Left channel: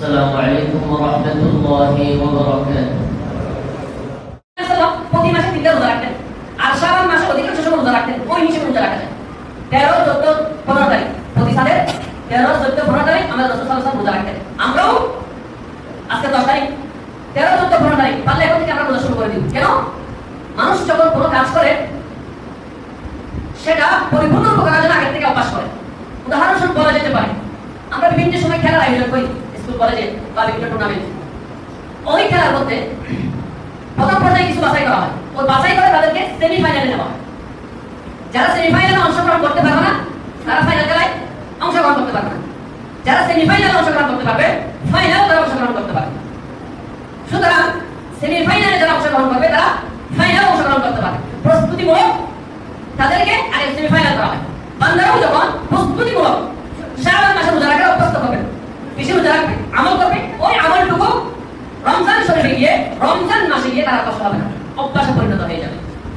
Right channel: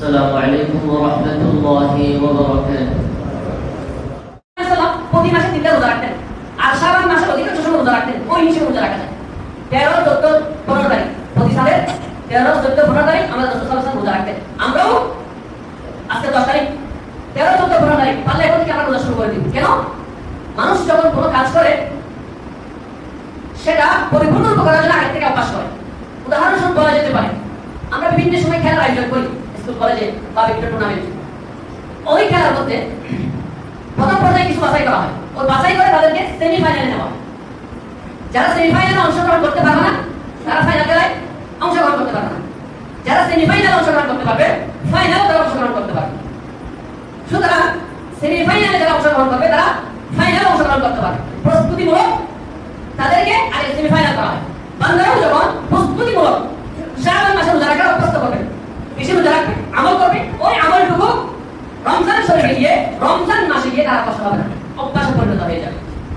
السلام عليكم ورحمة الله وبركاته. প্রতি মাসে 3টা রোজা রাখতেন আর শাবান মাসে অধিকাংশ সময় রোজা রাখতেন। ওই হিসেবে রোজা রাখতেন 13, 14, 15 তারিখ প্রতি সালের 13, 14, 15 তারিখ আমরা রাসূল সাল্লাল্লাহু আলাইহি ওয়াসাল্লাম রোজা রাখতেন। আমরাও আজকে 10 তারিখ 13, 14, 15 তারিখ পারলে এখন থেকে আমরা রোজা শুরু করে দিই। কেন? মানুষ যখন কোনো কাজ করে সেটা পরিপূর্ণ করার জন্য আগে থেকে অভ্যাস করে। উদাহরণস্বরূপ বলা যেতে পারে আমরা বিভিন্ন সময় খেলার আয়োজন করি স্কুল কলেজে বা বিভিন্ন টুর্নামেন্টে। ওই খেলার মধ্যে প্রথম পর্যায়ে কিছু বাছাই করা হয়। ওই বাছাই করে তাদেরকে সেমিফাইনালে নেওয়া হয়। যারা সেমিফাইনালে অংশগ্রহণ করতে পারবে না তারা ফাইনাল খেলায় অংশগ্রহণ করতে পারবে না। যারা সেমিফাইনালে অংশগ্রহণ করতে পারবে ফাইনালে তারা অংশগ্রহণ করতে পারবে। সুতরাং সেমিফাইনালে যারা অংশগ্রহণ করবে তারা ফাইনালে অংশগ্রহণ করতে পারবে। প্রস্তুতিমূলক তাদেরকে আগে সেমিফাইনাল করা হয়। বান্দারাও যখন প্রস্তুতিমূলক শাবান মাসে রোজা রাখার অভ্যস্ত করবেন, বেশি রোজা রাখবে, আমল করবে, ওই আমলটুকু রমজান শরীফে গিয়ে রমজান মাসে গিয়ে তারা কষ্ট হবে না, অভ্যাসে পরিণত হয়ে যাবে।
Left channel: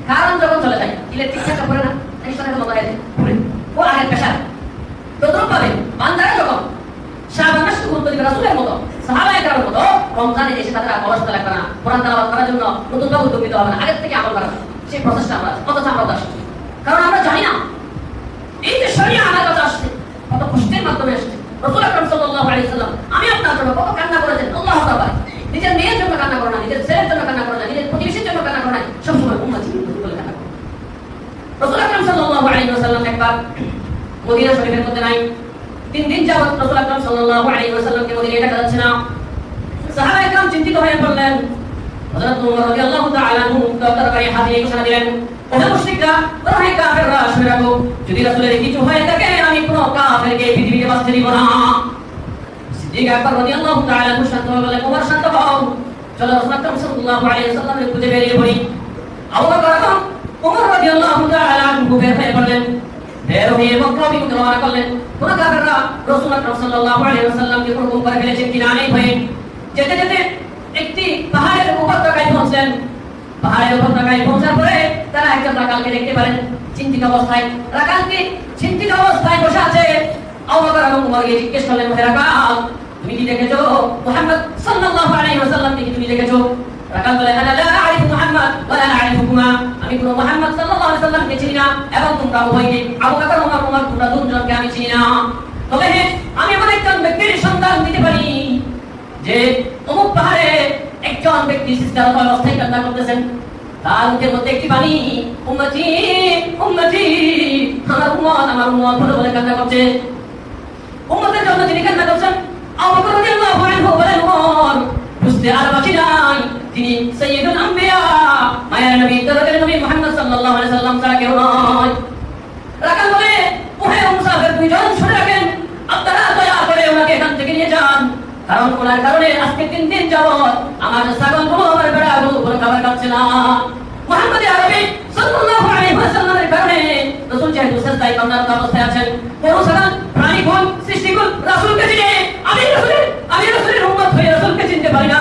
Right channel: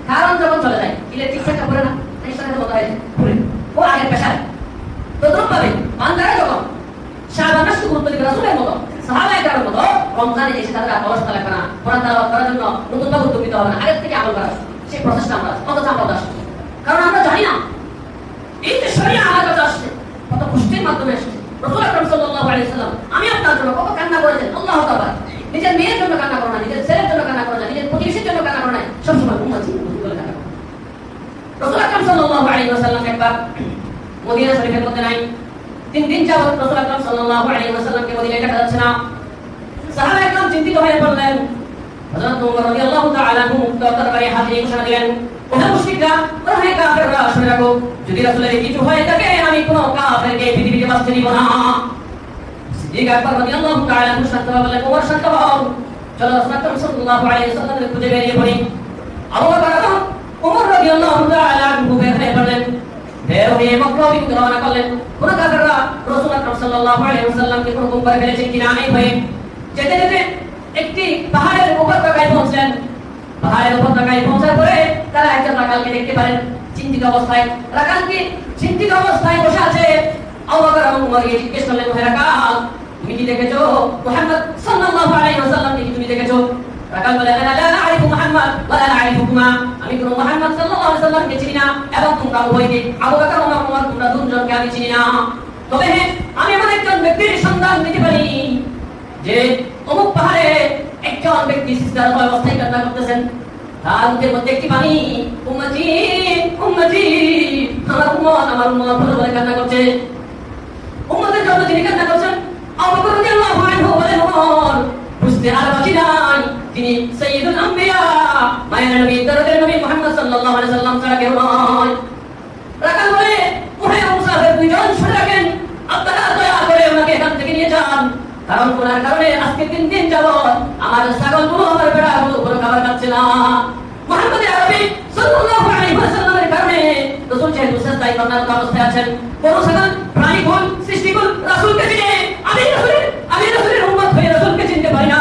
কারণ যখন চলে যায় ইলেকট্রিক সেটটা পড়ে না টেনশনের মতো হয়ে যায় পুরে ও আগের পেশায়। তদ্রুপ ভাবে বান্দারা যখন শাবান মাসকে গুরুত্ব দিবে রাসূলের মতো সাহাবায়ে কেরামের মতো রমজানে এসে তারা অলসতা লাগবে না, কোরআন তেলাওয়াত করার জন্য নতুন ভাবে উদ্যোগ নিতে হবে না, আগের থেকে আমল করা সেই প্রচেষ্টা আমরা কতটা আমরা দাস। কারণ আমরা জানি না এই যে শরীয়ত আমার কাছে আসছে কত কষ্টের মাধ্যমে আসছে। রাসূল আকরাম সাল্লাল্লাহু আলাইহি ওয়াসাল্লাম আমি আপনার জন্য কত কান্না করেছেন। আল্লাহু তাআলা নিজের মেয়ের জন্য কান্না করে না, নিজের ছেলের জন্য কান্না করে না, নিজের প্রতিবেশীর জন্য কান্না করে না, সবসময় উম্মত বলে কান্না করে। রাসূল আকরাম সাল্লাল্লাহু আলাইহি ওয়াসাল্লাম একবার মদিনা শরীফের মধ্যে নাই, 3 দিন যাবত রাসূল আকরাম সাল্লাল্লাহু আলাইহি ওয়াসাল্লামকে মদিনায় কাটা যাচ্ছে না। সাহাবায়ে কেরাম চিন্তিত হয়ে পড়লেন। হযরত ওমর রাদিয়াল্লাহু তাআলা আনহু দরবারে হাজির ঘোষণা দিলেন, ওহে মুশরিকরা, ওহে কাফেররা, শুনে রাখো যদি রাসূলের কিছু হয়ে থাকে আমি কোন কাফেরকে পৃথিবীতে বাঁচতে দিব না। সিদ্দিক আকবর রাদিয়াল্লাহু তাআলা আনহু শান্ত হয়ে বললেন, ওমর শান্ত হও, চলো রাসূল আকরাম সাল্লাল্লাহু আলাইহি ওয়াসাল্লামের খুঁজে বেরিয়ে পড়ি। আবু বকর এবং ওমর রাদিয়াল্লাহু তাআলা আনহু বের হয়ে পড়লেন, বের হয়ে মক্কা অভিমুখে রওনা করলেন। কোন কাফেররা রাসূল আকরাম সাল্লাল্লাহু আলাইহি ওয়াসাল্লামকে হুকুম করে ফেলেছে কিনা নেই ভয়ে যেতে যেতে একটি পাহাড়ের উপত্যকায় পৌঁছলেন। পাহাড়ের উপত্যকায় পৌঁছার পরে তারা একজন রাখালকে দেখতে পারেন চিন্তিত অবস্থায়। রাখালটি চিন্তিত অবস্থায় বসে আছে। আবু বকর এবং ওমর গিয়ে জিজ্ঞেস করলেন, হে রাখাল, তুমি কি দেখেছো মুহাম্মদ সাল্লাল্লাহু আলাইহি ওয়াসাল্লামকে কি তুমি দেখেছো? রাখাল বলে, আনা লা আরিফু মুহাম্মদ ওয়া লা আরিফুকুমা, আমি কোন মুহাম্মদ সাল্লাল্লাহু আলাইহি ওয়াসাল্লামকে চিনি না এবং তোমরা উভয়কে আবু বকর ওমর তোমরা দুজনকে আমি চিনি না। তবে আমি এমন একজন ব্যক্তির সন্ধান দিতে পারি যে অমুক পাহাড়ে একজন ব্যক্তি সিজদারত অবস্থায় কান্না করতেছেন, তার মুখের মধ্যে একটি বাণী, উম্মতি উম্মতি, আমার উম্মত বলে কান্না করছে। উম্মতের জন্য তিনি কান্না করছেন। আবু বকর রাদিয়াল্লাহু আনহু বলেন, ওমর বুঝতে আর বাকি নাই, তিনি সাইয়্যিদুল আম্বিয়া, মায়ের নবী, দরদের নবী মুহাম্মদ সাল্লাল্লাহু আলাইহি ওয়াসাল্লাম ছাড়া কেউ নয়। রাখাল বলে, ওহে মুসাফির দুইজন শুনে রাখেন, আপনারা দয়া করে ওনাকে এখান থেকে নিয়ে যান, কারণ ওনার কারণে আজকে 3 দিন যাবত আমার ছাগলগুলো আমার ভেড়াগুলো কোনো খাবার খাচ্ছে না। মুহাম্মদ আরবি সাল্লাল্লাহু আলাইহি ওয়াসাল্লামের কারণে রাসূল যেহেতু সাজদায় কর্মরত অবস্থায় আছেন, কোন সাধারণ প্রাণীকুল সৃষ্টিকুল রাসূলকে চিনে আমি রাসূলের উম্মত হয়ে রাসূলকে চিনতে পারি না।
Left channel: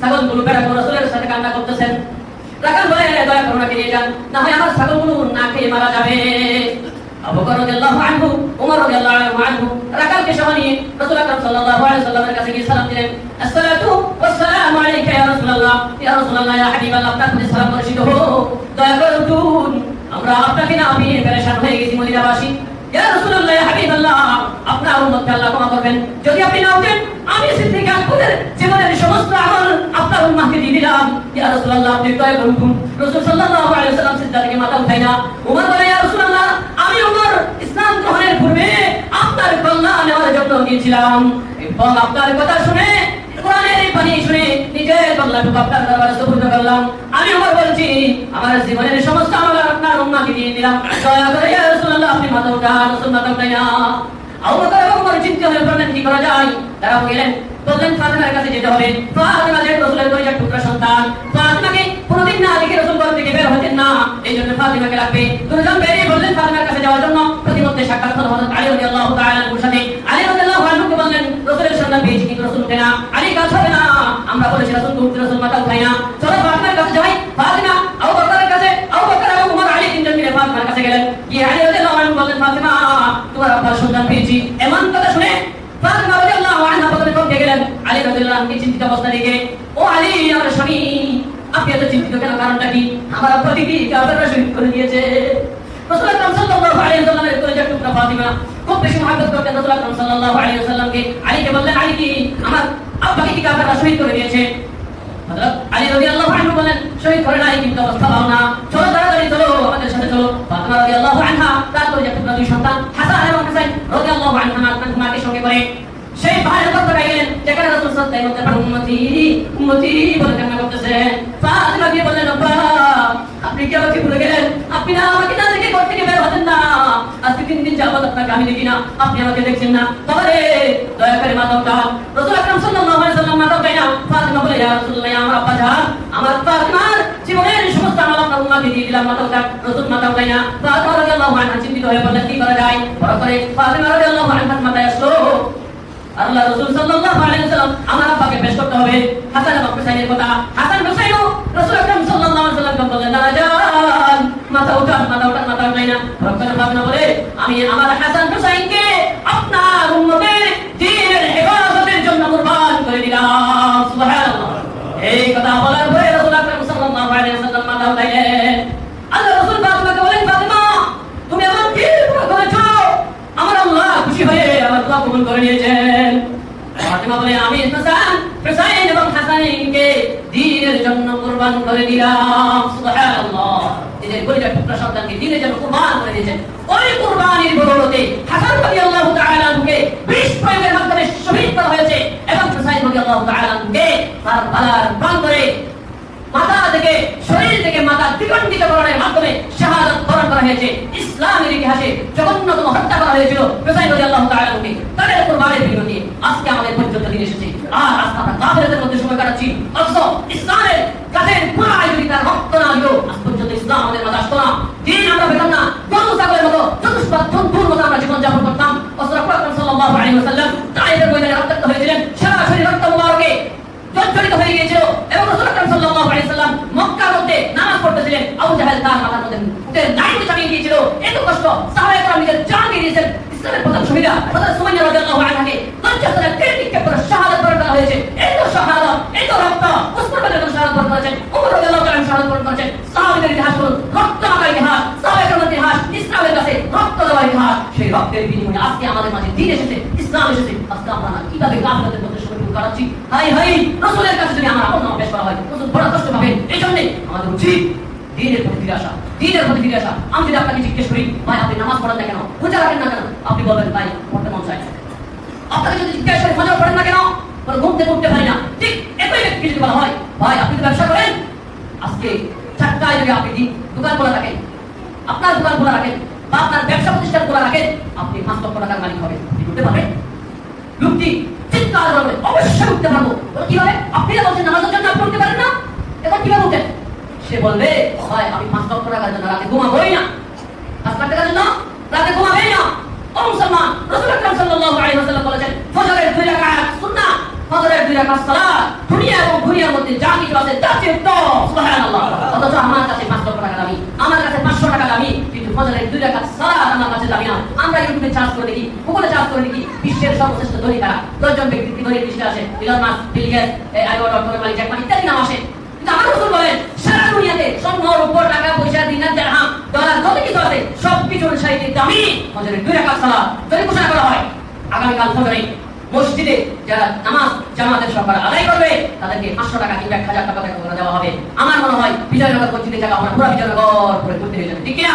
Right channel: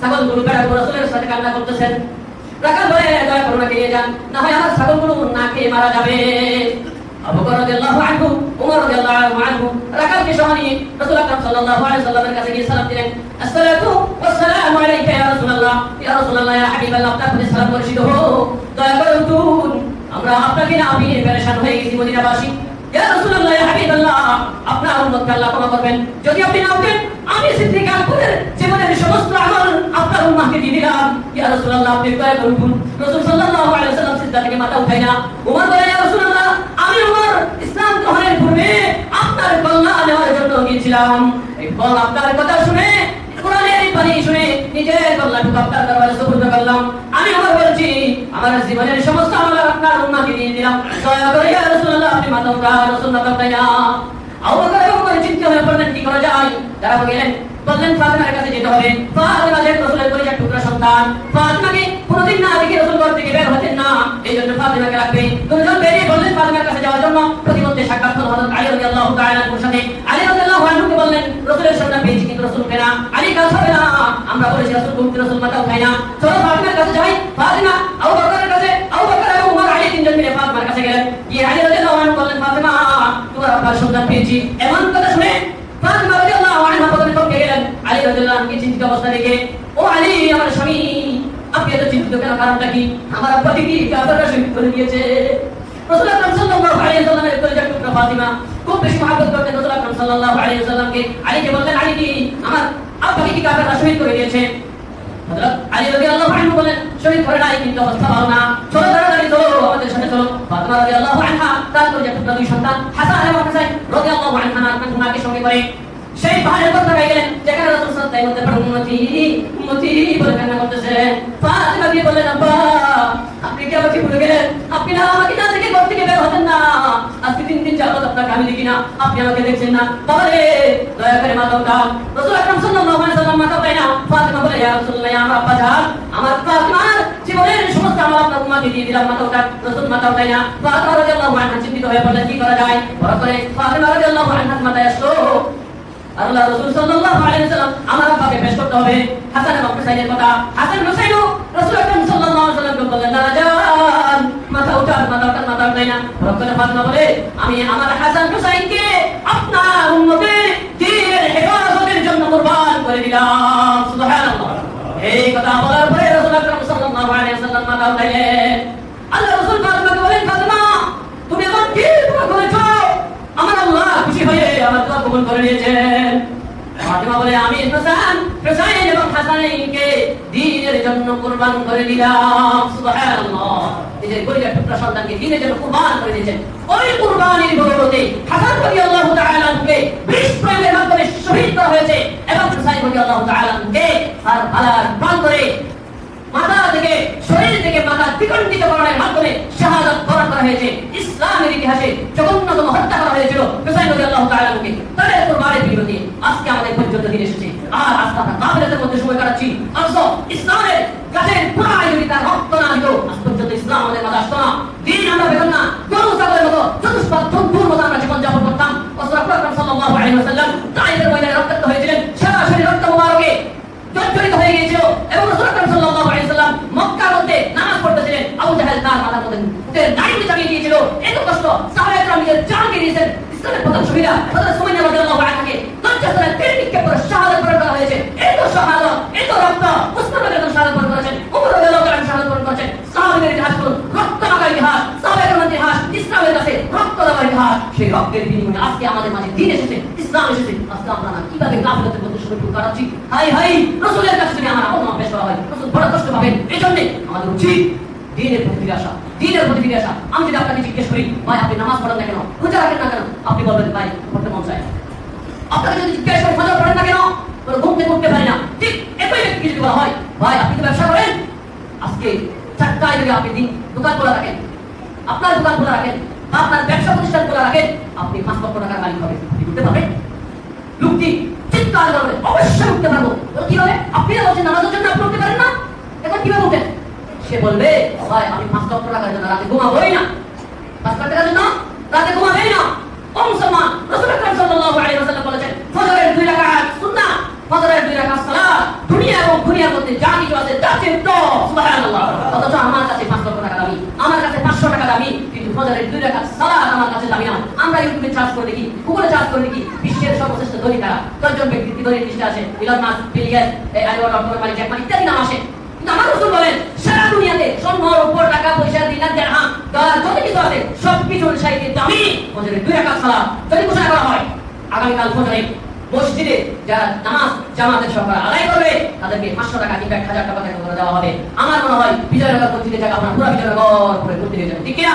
ছাগলগুলো ভেড়াগুলো রাসূলের সাথে কান্না করতেছেন। রাখাল বলে, দয়া করে ওনাকে নিয়ে যান, না হয় আমার ছাগলগুলো না খেয়ে মারা যাবে। আবু বকর রাদিয়াল্লাহু আনহু, ওমর রাদিয়াল্লাহু আনহু রাকালকে সহ নিয়ে রাসূল আকরাম সাল্লাল্লাহু আলাইহি ওয়াসাল্লামের কাছে গিয়ে সালাম দিলেন। আসসালাতু ওয়াসসালামু আলাইকা ইয়া রাসূলুল্লাহ, ইয়া রাসূলুল্লাহ, ইয়া হাবিবাল্লাহ, আপনার প্রতি সালাম বর্ষিত হোক, দয়া করে উঠুন, আমরা আপনাকে না আমি পেরেশান হয়ে গেছি মদিনাবাসী। ইয়া রাসূলুল্লাহ, ইয়া হাবিবাল্লাহ, আপনার উম্মতকে আল্লাহ ক্ষমা করবেন, যদি আপনি না উঠেন আমি সিদ্দিক আকবরের জীবনের সমস্ত আমল আপনার উম্মতকে দিয়ে দিলাম। ইয়া রাসূলুল্লাহ, আপনি দয়া করে উঠুন। রাসূল সাল্লাল্লাহু আলাইহি ওয়াসাল্লাম সিজদা থেকে মাথা উঠায় না। ওমর বলে, ইয়া রাসূলুল্লাহ, আমি ওমর ইসলাম গ্রহণের পূর্বে আপনার কল্যাণ নেওয়ার জন্য গিয়েছিলাম এবং আপনার কথা শুনে কোরআনের এই বাণী শুনে নিজের কল্যাণকে আপনার দরবারে সুপর্দ করলাম। আমি ওমর বলছি আমার জীবনের সমস্ত আমল আপনার উম্মতকে দিয়ে দিলাম, দয়া করে ইয়া রাসূলুল্লাহ আপনি মাথা উঠান। রাসূল মাথা উঠায় না। আবু বকর এবং ওমর চিন্তা হয়ে পড়লেন, কি করা যায়? তারা গেলেন, বললেন ফাতিমার কাছে যেতে হবে। ফাতিমা যে রাসূলের পরিবার টুকরা সন্তান, ফাতিমাকে কোনদিন না দেখে রাসূল ঘর থেকে বের হতেন না, এই জন্য ফাতিমাকে রাখবে। দুজন বেরিয়ে বললেন ফাতিমার কাছে যাওয়ার জন্য। প্রতিমধ্যে সাক্ষাৎ হলো হযরত আলী রাদিয়াল্লাহু তাআলা আনহুর সাথে। আলী রাদিয়াল্লাহু আনহুকে বললেন, রাসূলের সন্ধান পেয়েছি কিন্তু রাসূল উঠে না। আলী কাজ হবে না, আমরা বলেছি রাসূল উঠতে, রাসূল মাথা উঠায় না, চলো ফাতিমার কাছে যাই। ফাতিমা আবু বকরের কাছে, আবু বকর এবং ওমর আলী তিনজন মিলে ফাতিমার কাছে গেলেন। গিয়ে আলী রাদিয়াল্লাহু আনহু বললেন, ফাতিমা তোমার আপনার সন্ধান পেয়েছি। এমন কথা শুনে ফাতিমা রাদিয়াল্লাহু আনহা প্রথমে চমকে গেলেন। আলী রাদিয়াল্লাহু আনহু চিন্তিত অবস্থা দেখে, ও আলী আমার স্বামী, আপনি এত চিন্তিত কেন, কারণটা কি? আমার আব্বাকে কি কাফেররা শহীদ করে দিয়েছে। রাসূল আকরাম সাল্লাল্লাহু আলাইহি ওয়াসাল্লামের কলিজার টুকরা ফাতিমা খুব বেশি মহব্বত করতেন রাসূল আকরাম সাল্লাল্লাহু আলাইহি ওয়াসাল্লামকে। আলীকে বললেন, আলী কি আমার আব্বাকে কি কাফেররা শহীদ করে দিয়েছে? হযরত আলী রাদিয়াল্লাহু আনহু বলেন, শহীদ করে নাই, কিন্তু অবস্থা ভালো না, চলো তাড়াতাড়ি চলো, আমাদের সাথে চলো। ফাতিমা রাদিয়াল্লাহু আনহা তার কলিজার টুকরা দুই সন্তান হাসান এবং হুসাইন রাদিয়াল্লাহু আনহুমা তাকে সঙ্গে করে সেই পাহাড়ের উপর চড়ে গেলেন, যেখানে রাসূল সাল্লাল্লাহু আলাইহি ওয়াসাল্লাম উম্মতি উম্মতি বলে কান্না করতেছে। ফাতিমা দিয়ে বললেন, আব্বা আপনি কি আমাকে ভুলে গেলেন? আপনি না আমাকে না দেখে ঘর থেকে বের হতেন না, আজকে 3 দিন যাবত আপনাকে আমি দেখি না, আপনি আমাকে দেখছেন না। বাবা রে, দয়া করে মাথা উঠান। রাসূল আকরাম সাল্লাল্লাহু আলাইহি ওয়াসাল্লাম মাথা উঠায় না। ফাতিমা বলে, ইয়া রাসূলুল্লাহ, আমার আব্বা জান, আমার ফাতিমার জীবনের সমস্ত আমল আপনার উম্মতকে দিয়ে দিলাম, মাথা উঠান। রাসূল মাথা উঠায় না। ফাতিমা রাদিয়াল্লাহু আনহা চিন্তিত হয়ে পড়লেন, কি করা যায়? বড় করে ফাতিমা রাদিয়াল্লাহু আনহার মাথায় আসলো, আল্লাহ রাসূল সাল্লাল্লাহু আলাইহি ওয়াসাল্লাম আমার আব্বাকে পেশ করতে হবে। হাসান এবং হুসাইনের কথা, হাসান হুসাইনও রাসূল আকরাম সাল্লাল্লাহু আলাইহি ওয়াসাল্লামকে বললেন, দাদা জান মাথা উঠান, মাথা উঠান, মাথা উঠায় না। রব্বানা ফাতিমা বলে, আমি আমার হাসান হুসাইনকে আপনার উম্মতের দ্বীনের হেফাজতের জন্য কুরবান করে দিলাম। সুবহানাল্লাহ। এই কথা বলার পরে রাসূল আকরাম সাল্লাল্লাহু আলাইহি ওয়াসাল্লাম মাথা উঠাইলেন। আল্লাহ রাসূল ফাতিমাকে বলেন, ফাতিমা তুমি আমার কি করেছো? আমার আল্লাহ খুশি হয়ে আমার দোয়া কবুল করে নিয়েছেন। ফাতিমা বলে, আমি হাসান হুসাইন এবং হাসানকে দ্বীনের জন্য কুরবান করে দিলাম। সুবহানাল্লাহ। নিজের কলিজার টুকরা সন্তানকে দ্বীনের জন্য কুরবান করে দিয়েছেন। ওই কুরবানির বদৌলতে হাসান রাদিয়াল্লাহু তাআলা আনহুকে বিষ প্রয়োগের মাধ্যমে শহীদ করা হয়েছে এবং হুসাইন রাদিয়াল্লাহু তাআলা আনহুকে কারবালার প্রান্তরে মাথা থেকে শরীর থেকে মাথা দ্বিখণ্ডিত করার মাধ্যমে শাহাদাত বরণ করা হয়েছে। ইসলামের ইতিহাসে জঘন্যতম হত্যা করা হয়েছিল হুসাইন রাদিয়াল্লাহু তাআলা আনহুকে। তাদের কুরবানির বিরোধী আজকে আমাদের পর্যন্ত দিন এসেছে, আর আজকে আমরা কাফেরদের মধ্যে সময় কাটাচ্ছি। অথচ ইসলামের গাছের গোড়ায় যদি তার রক্ত না দিল, আজ পর্যন্ত ইসলাম আমাদের মাথা আসতো না। দিন আমরা পেতাম না, গরু ছাগলের মতো চতুষ্পাদ জন্তুর মতো আমরা জীবনযাপন করতাম। রাসূল আকরাম সাল্লাল্লাহু আলাইহি ওয়াসাল্লাম তায়েফের ময়দানে রক্তাক্ত হয়েছিলেন, সারা শরীর রক্ত মোবারকে জর্জরিত হয়ে গিয়েছিল এবং রাসূল আকরাম সাল্লাল্লাহু আলাইহি ওয়াসাল্লাম মক্কার মধ্যে নামাজ পড়তেছিলেন। আবু জাহেল তার মাথার মধ্যে উটের দাড়ি চাপিয়ে দিয়েছিল। এত কষ্ট সাহাবায়ে কেরাম নিজের জান দিয়ে দিয়েছেন। ইসলামের প্রথম শহীদা হযরত সুমাইয়া রাদিয়াল্লাহু আনহাকে 50 হাজার তীর নিক্ষেপ করে শাহাদাত বরণ করা হয়েছে। এত শাহাদাত, এত রক্ত উসমান রাদিয়াল্লাহু শাহাদাত বরণ করেছেন, ওমর রাদিয়াল্লাহু তাআলা শাহাদাত বরণ করেছেন। সাহাবাদের ইতিহাস বলুন, রক্ত মাখা ইতিহাস, সাহাবায়ে কেরামের ইতিহাস, ইসলামের কাছে রক্ত দেওয়ার ইতিহাস। সেই রক্তের বিনিময়ে আজকে আমাদের মাঝে দ্বীন এসেছে, ইসলাম এসেছে। আজকে আমরা কিভাবে কাফেরদের মধ্যে সময় কাটাচ্ছি। হাই হাই, রাসূলের কাছে যদি আমার আপন নাম পেশ করা হয়, রাসূল বড় কষ্ট পাবেন। এই জন্য আমাদের উচিত দ্বীনের প্রতি ফিরে আসা, দ্বীনের প্রতি ফিরে আসা। আমি যদি আপনাকে জিজ্ঞেস করি, ভাই আপনি নামাজ পড়েন না কেন, রোজা রাখেন না কেন, আপনি বলবেন ভাই পড়তে মন চায়। আপনাকে যদি জিজ্ঞেস করি রোজা পড়েন না কেন, ঘুম থেকে উঠতে পারি না, ঠিক একই ব্যক্তিকে যদি বলা হয়, ভাই আপনি ব্যবসা করেন, আজকে চারটায় যদি আপনি দোকান খোলা রাখেন, আপনার দোকান খোলা রাখেন বা আপনার ব্যবসা প্রতিষ্ঠান খোলা রাখেন, আপনি 5 লক্ষ টাকার মালিক হবেন। আপনি উঠতে পারবেন? লোকটি চিৎকার করবে, অবশ্যই উঠতে পারবো। কিভাবে? আপনি বলছেন নামাজের জন্য আপনি উঠতে পারেন না, এখন কিভাবে উঠেন? সে বলবে, ভাই আমি 5 লক্ষ টাকার জন্য রাতে ঘুমাবোই না, 5 লাখ টাকার জন্য রাতে ঘুমাবেই না। ও মুসলমান, রাসূল আকরাম সাল্লাল্লাহু আলাইহি ওয়াসাল্লাম বলেছেন, ফজরের 2 রাকাত সুন্নাহ, ফজরের 2 রাকাত সালাত দুনিয়া এবং দুনিয়ার মধ্যে যা কিছু আছে তার চেয়ে উত্তম। সুবহানাল্লাহ। অথচ আমার কাছে 5 লক্ষ টাকা দামি, আমার কাছে 500 টাকা দামি, কিন্তু ফজরের 2 রাকাত সালাত আমার কাছে দামি না। আমরা ইউটিউবে চার্জ করে দেখি, গুগলে চার্জ করে দেখি, বিশ্বের সর্বশ্রেষ্ঠ ধনী কারা, 10 জন ব্যক্তি কি ধনী লিস্টে আছে, ইলন মাস্ক, বিল গেটস, আইওয়ার ডটকমের মালিক জ্যাক মা ইত্যাদি নাম আসে। কিন্তু আমার রাসূল বলেন, সারা দুনিয়াতে স্বর্ণ, রূপা, টাকা পয়সা, দিনার, দিরহাম, ডলার যত কিছু আছে সবকিছুর চাইতে দামি ফজরের 2 রাকাত সালাত। যদি ঘোষণা করা হয় আগামীকাল ফজরে মসজিদে যারা নামাজ জামাতের সহকারে আদায় করবে তাদেরকে 500 টাকা কিংবা 1000 টাকা করে দেওয়া হবে, আমার মনে হয় বিজয়নগর মসজিদে জায়গা আমরা পুরো বিজয়নগর করে ঘুরতে হয়ে যাবে, ঠিক কিনা?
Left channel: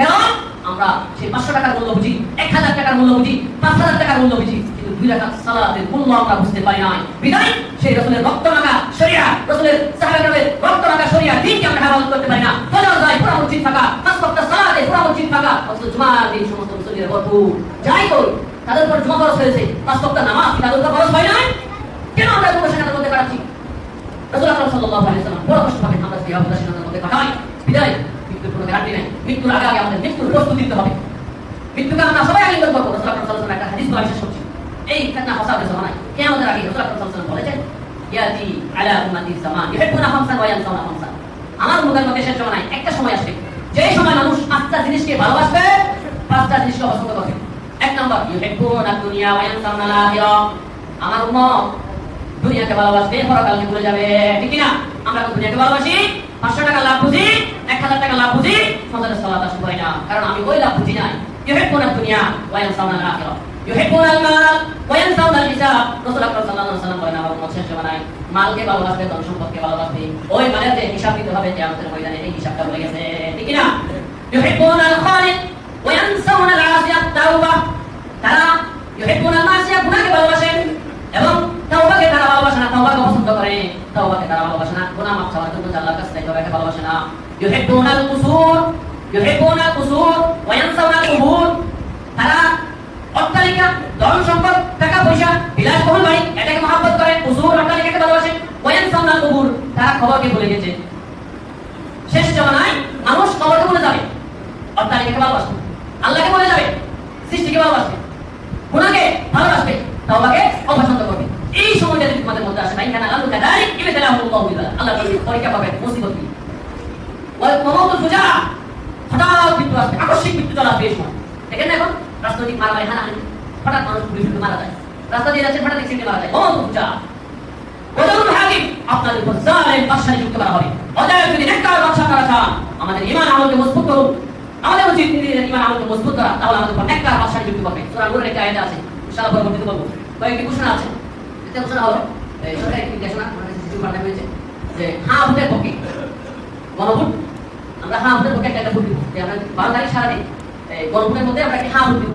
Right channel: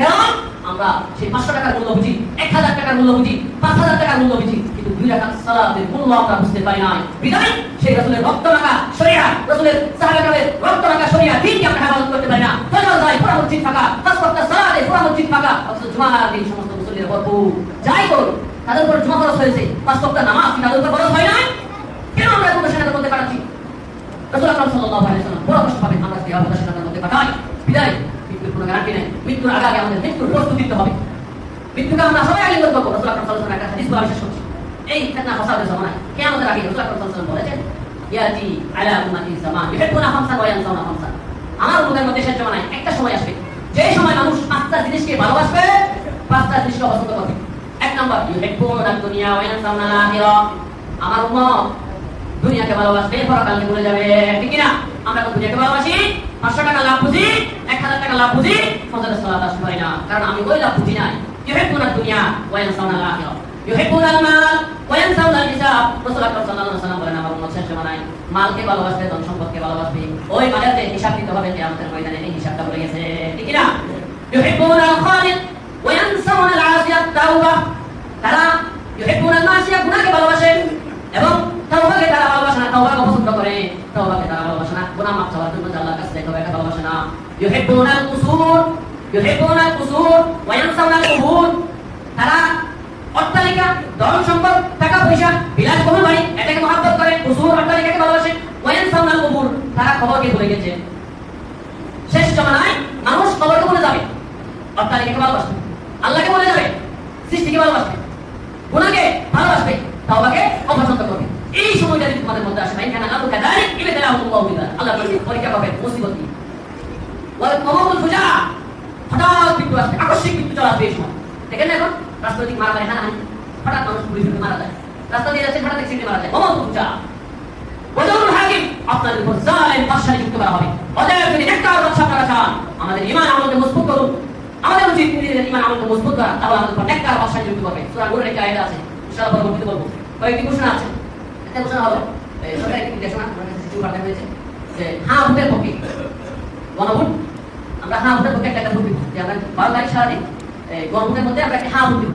কারণ আমরা সেই 500 টাকার মূল্য বুঝি, 1000 টাকার মূল্য বুঝি, 5000 টাকার মূল্য বুঝি, কিন্তু 2 রাকাত সালাতের মূল্য আমরা বুঝতে পারি না। বিদায় সেই রাসূলের রক্ত মাখা শরিয়া, রাসূলের সাহাবাদের রক্ত মাখা শরিয়া দিনকে আমরা হেফাজত করতে পারি না। ফজর যায় পুরো মসজিদ ফাঁকা, 5 ওয়াক্ত সালাতে পুরো মসজিদ ফাঁকা, অথচ জুমার দিন সমস্ত মুসল্লিরা ভরপুর। যাই করি তাদের উপর জমা খরচ হয়েছে, 5 ওয়াক্ত নামাজ তাদের উপর খরচ হয় নাই, কেন আমরা কোনো সেখানে মধ্যে কাটাচ্ছি? রাসূল আকরাম সাল্লাল্লাহু আলাইহি ওয়াসাল্লাম বড় কষ্ট পাবেন আমরা যদি আমাদের সেখানে মধ্যে কাটাই। বিদায় মৃত্যুর কোনো গ্যারান্টি নাই, মৃত্যুর আগে আগে আমাদের মৃত্যুর প্রস্তুতি নিতে হবে। মৃত্যুকে আমরা সবাই আগে করবো। রাসূল আকরাম সাল্লাল্লাহু আলাইহি ওয়াসাল্লাম একটা হাদিস বলা বিশ্বাস করছি, এই ফিতনা ফাসাদের জামানায় কিয়ামতের আগে রাসূল আকরাম সাল্লাল্লাহু আলাইহি ওয়াসাল্লাম বলেছেন, ইয়াতি আলা উম্মতি জামান ইউহিব্বুনা খামসান ওয়া ইয়ানসাউনা খামসান। আমার উম্মতের মধ্যে সেই জামানায় একটা সময় আসবে যে সময় মানুষ 5টা জিনিসকে ভালোবাসবে, 5টা জিনিসকে পছন্দ করবে। 1 নম্বর ইউহিব্বুনা দুনিয়া ওয়া ইয়ানসাউনা আখিরা। আমার উম্মত দুনিয়াকে ভালোবাসবে, পরকালকে ভুলে যাবে। ঠিক কিনা? আমরা এখন দুনিয়াকে ভালোবাসি, 500 টাকা লাভ বুঝি, 1000 টাকা লাভ বুঝি, ফজরের সালাত আসতে পারি না, কারণ আমি ওই লাভ বুঝি নাই। ইউহিব্বুনা দুনিয়া ওয়া ইয়ানসাউনা আল-আখিরাহ, ইউহিব্বুনা আল-মাল ওয়া ইয়ানসাউনা আল-হিসাব। রাসূল আকরাম সাল্লাল্লাহু আলাইহি ওয়াসাল্লাম বলেন, আমার উম্মত শেষ জামানায় মালকে ভালোবাসবে, ধন সম্পদকে ভালোবাসবে, ওই মালের যে হিসাব দিতে হবে কিয়ামতের ময়দানে, এই হিসাবটা ভুলে গেছে। ঠিক কিনা? ইউহিব্বুনা আল-খালিক ওয়া ইয়ানসাউনা আল-আসিয়াত তাওবা, তারা ইউহিব্বুনা আল-মাসিয়া, গুনাহকে ভালোবাসেন এবং তাওবাকে তারা ভালোবাসে না, তাওবাকে পছন্দ করে, তাওবাকে তারা ভালোবাসে না, গুনাহ মাফ চাওয়ার জন্য আল্লাহর কাছে তাওবাকে ভালোবাসে না। ইউহিব্বুনা আল-কুসুর, ইউহিব্বুনা আল-কুসুর ওয়া ইয়ানসাউনা আল-কুবুর, তারা অট্টালিকা, ধন সম্পদ, টাকা পয়সা, বিলাসবহুল বাড়ি, এটাকে মহব্বত করে, কুসুর অট্টালিকাকে ভালোবাসে, ওয়া ইয়ানসাউনা আল-কুবুর, তারা কবরকে ভুলে গেছে। শেষ জামানায় মানুষ কবরকে ভুলে যাবে, অট্টালিকাকে ভালোবাসবে, আল্লাহকে ভুলে যাবে, সৃষ্টিকে ভালোবাসবে, গুনাহকে ভালোবাসবে, তাওবাকে অপছন্দ করবে। এই সময়টা যদি তোমাদের মধ্যে আসে, ভাই কেন আল্লাহ কাদালিক ইবতালাহুল্লাহু বিল্লাহ, আল্লাহ পরীক্ষা পাবে, মুসিবত কি ওয়াল মাউতুল ফুজা, হঠাৎ মৃত্যু আসবে, আকস্মিক মৃত্যু চলে আসবে। এই সময় দেখেন না, এখন রাস্তাটি মারা যায়, হঠাৎ মানুষ গুলি করে মারা যায়, রাস্তা দিয়ে যাচ্ছে, হঠাৎ অ্যাক্সিডেন্টে মারা যায়। মাউতুল ফুজা, ওয়াজুল হাকিম, আপনাদের উপর জালেম বাদশাহ নিযুক্ত করা হবে। অতএব যদি নেককার বাদশাহ করা চান, আমাদের ঈমান আমলকে মজবুত করুন, আমাদের উচিত ঈমান আমলকে মজবুত করা, তাহলে আমাদের উপর নেককার বাদশাহ নিযুক্ত করবে। সূরা নূরের একটা আয়াত আছে, ইনশাআল্লাহ পরবর্তীতে বলবো। কয়েকটি ঘোষণা আছে, একটা ঘোষণা হলো সরকার একটি ঘোষণা পাঠানো হয়েছে যে হ্যাঁ ভোটের পক্ষে গণভোট, আমরা হ্যাঁ ভোটের পক্ষে একটা ভোট দিব, যে আমরা 12 তারিখ সারাদিন গণভোটের মধ্যে আমরা একটা হ্যাঁ ভোট দিব।